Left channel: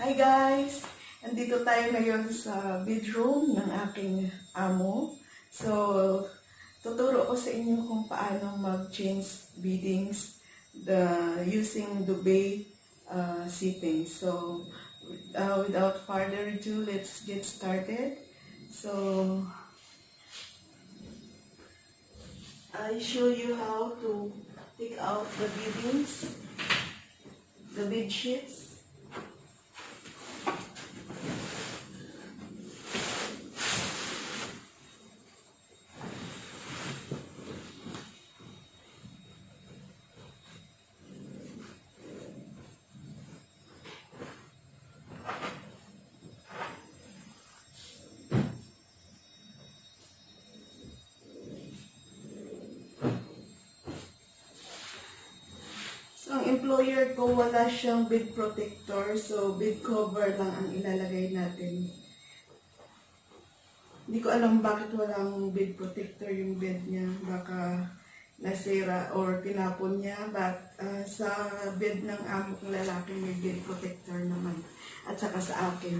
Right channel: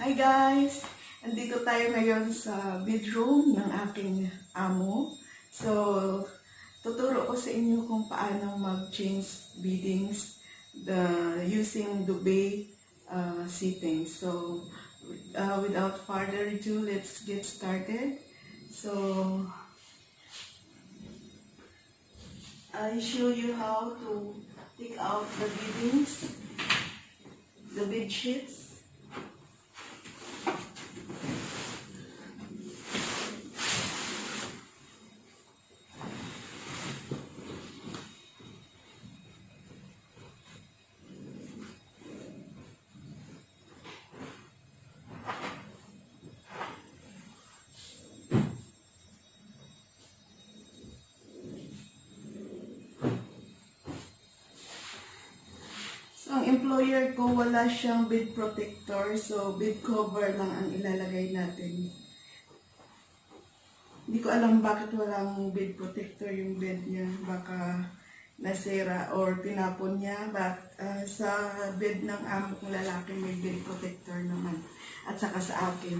Hi guys! Andito tayo ngayon sa bedroom ng aking amo. So, tuturo ko sa inyo kung paano mag-change beddings using duvet seating. So, without further ado, let's get started. So, I show you how to take out the beddings, the bed sheets. Ang employer ko, wala siyang bed protector, so bed cover lang ang ilalagay natin. Hindi ko alam bakit walang bed protector yung bed niya. Baka nasira or tinapon niya. But sa bed ng amo kong lalaki may bed protector naman. At saka sa akin.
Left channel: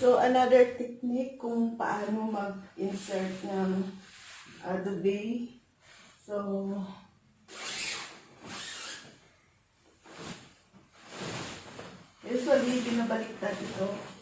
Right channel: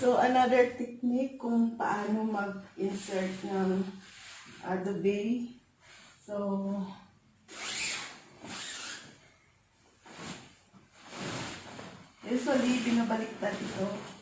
So, another technique kung paano mag-insert ng duvet. So, usually, binabaliktad ito.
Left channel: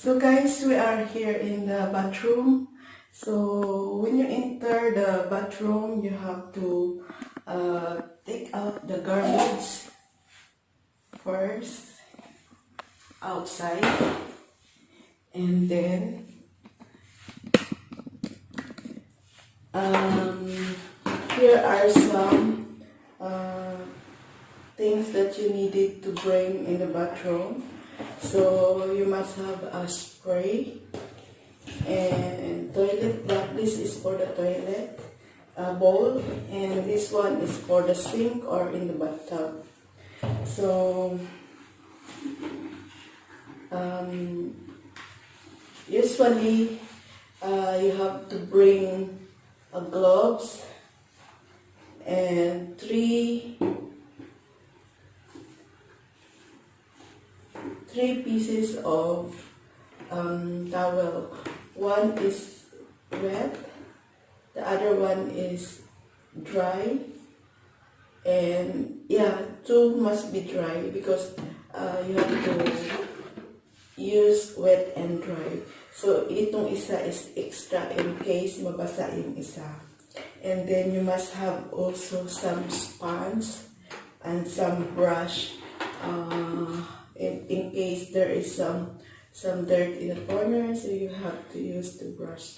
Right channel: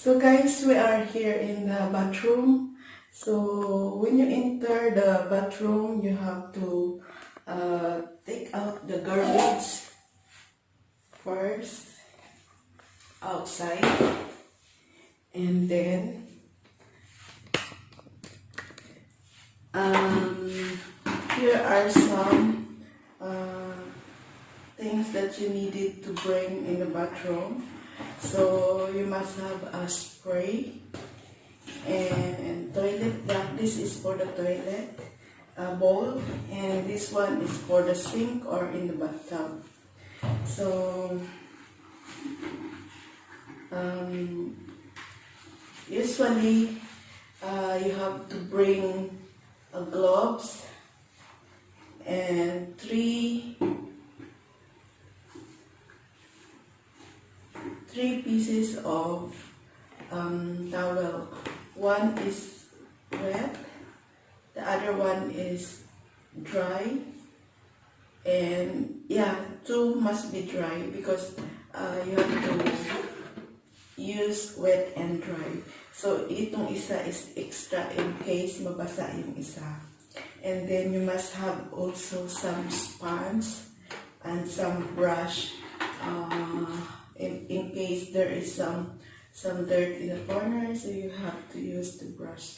So guys, we are here in the bathroom. So when you enter the bathroom, you have to take out the garbage first outside, and then here are some things that you needed to bring in the bathroom. So you must have a spray and toilet brush. This is for the toilet bowl, and this one is for the sink or in the bathtub. So usually you have to bring gloves and three three pieces of towel. One is wet, the other one is dry, and yeah, two must be dry because you have to use wet and dry. So itong isa is extra in case mabasa yung isa. And then you must have also some sponge and some brush in case there is some dirt in the corner, so you have to use the brush.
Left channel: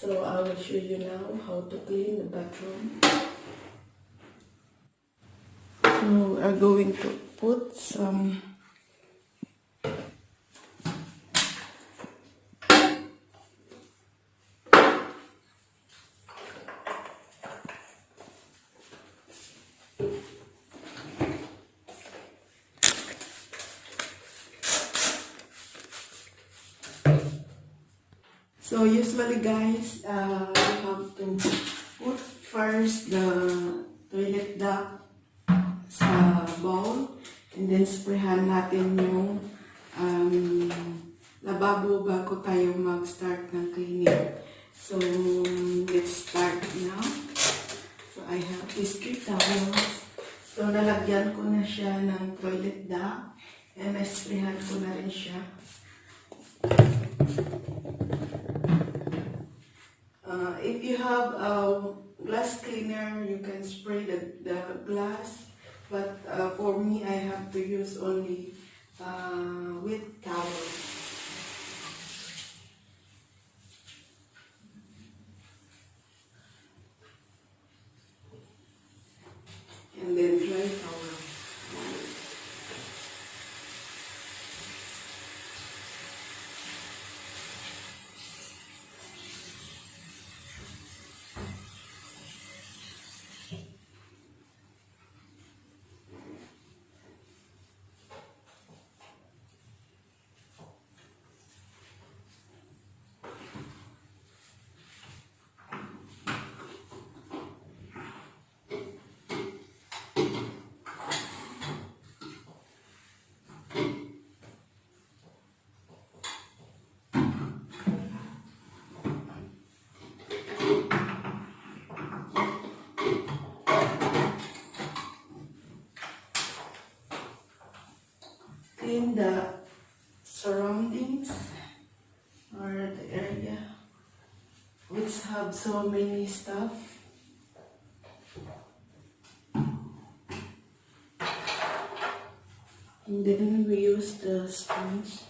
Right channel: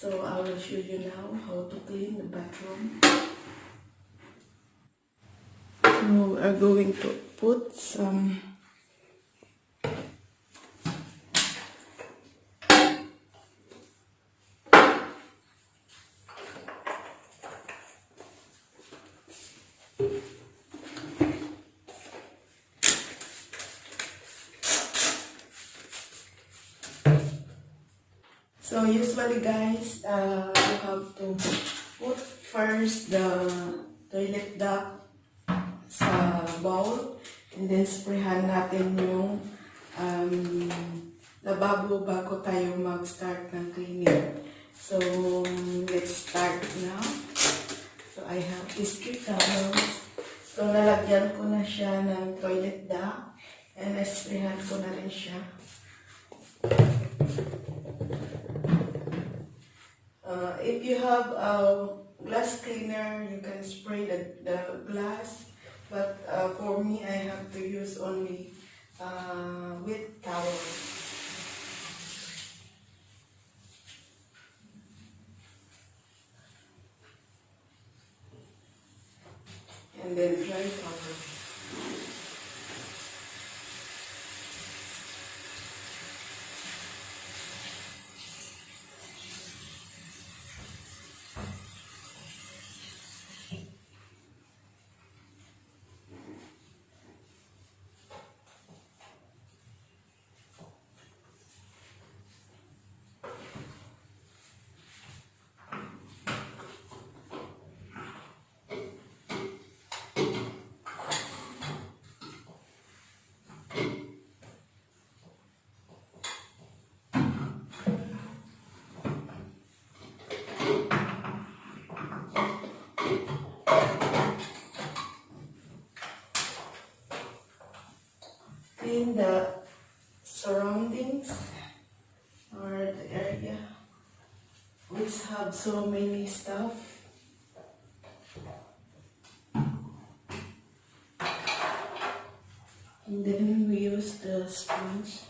So I will show you now how to clean the bathroom. So we are going to put some So usually guys, you have to put first the toilet duct sa bowl, and then sprayhan natin yung lababo bago tayo mag-start ng cleaning. So let's start now. So I have these 3 towels. So nalagyan ko na siya ng toilet duct, and sprayhan ko na rin siya. If you have a glass cleaner, you can spray the glass. But for me, I have to use only wet towel. And then dry towel. Clean the surroundings or the area which have so many stuff. And then we use the sponge.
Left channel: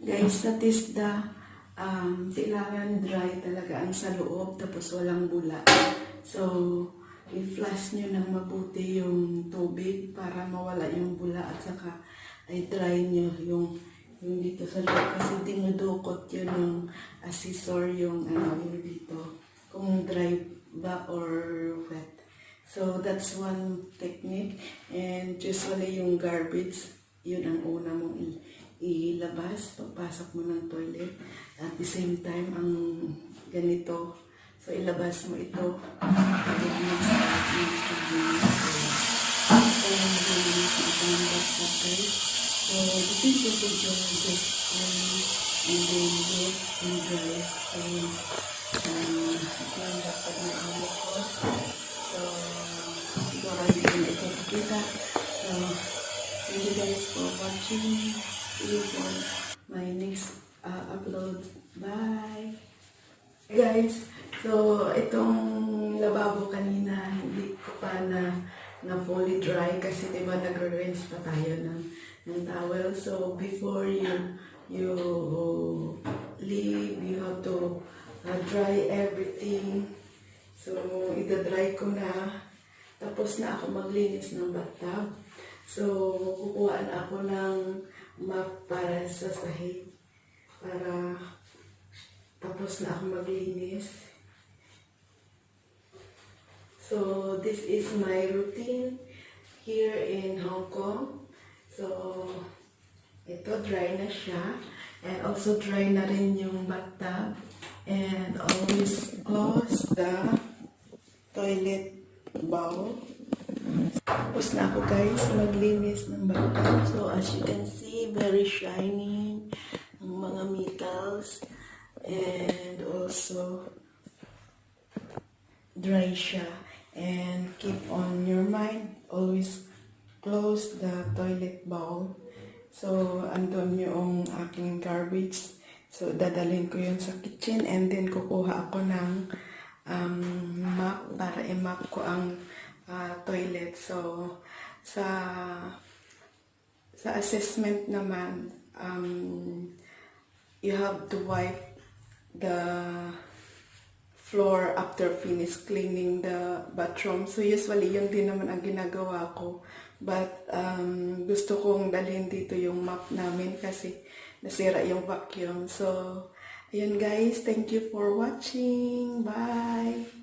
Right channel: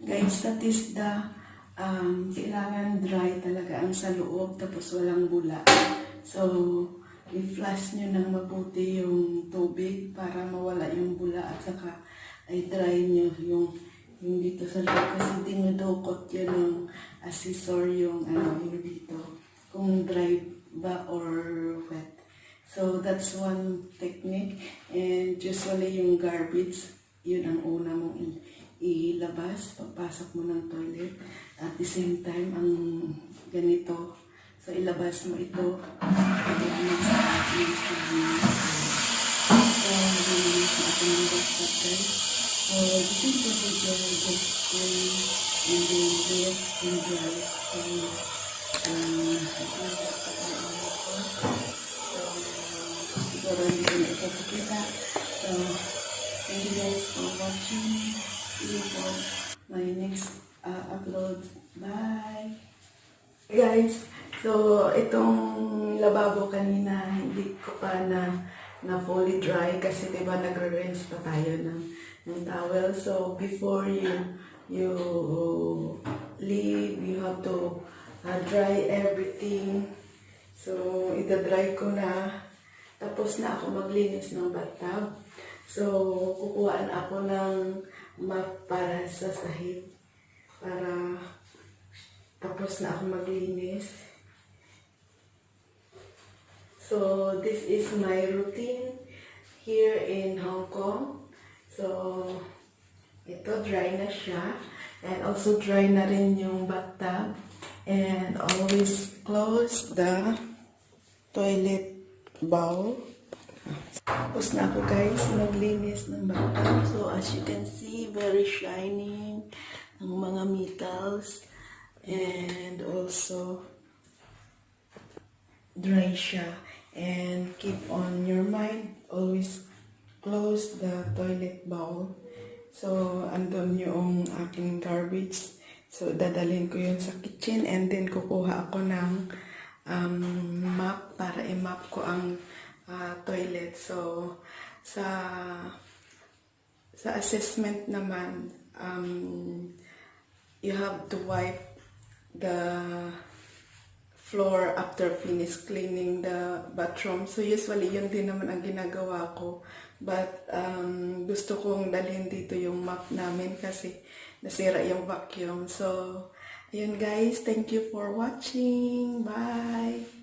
Guys, sa Tesda, kailangan dry talaga ang sa loob tapos walang bula. So, i-flush nyo ng mabuti yung tubig para mawala yung bula at saka i-dry nyo yung dito sa loob kasi dinudukot yun yung assessor yung yung dito kung dry ba or wet. So, that's one technique. And usually yung garbage, yun ang una mong ilabas, pagpasok mo ng toilet. At the same time, ang ganito. So, ilabas mo ito. So, this is the just and then wet and dry. Siguro hindi ko ito pakita. So, thank you guys for watching. See you for my next upload. Bye! Guys, so itong lababo kanina, hindi ko pa na fully dry kasi diba nagre-rinse pa tayo ng towel. So before you leave, you have to dry everything. So ita-dry ko na. Tapos na ako maglinis ng bathtub. So kukuhaan ako ng map para sa sahig. Para tapos na ako maglinis. So, this is my routine here in Hong Kong. So, ito dry na siya. And also dry na rin yung bathtub. And always close the toilet bowl. Tapos na ako guys maglinis ng bathtub. So, as you can see, very shining ang mga metals. And also dry siya. And keep on your mind, always close the toilet bowl. So, andun yung aking garbage. So, dadalhin ko yun sa kitchen and then kukuha ako ng map para i-map ko ang toilet. So, sa assessment naman, you have to wipe the floor after finish cleaning the bathroom. So usually yun din naman ang ginagawa ko. But gusto kong dalhin dito yung map namin kasi nasira yung vacuum. So ayun guys, thank you for watching. Bye!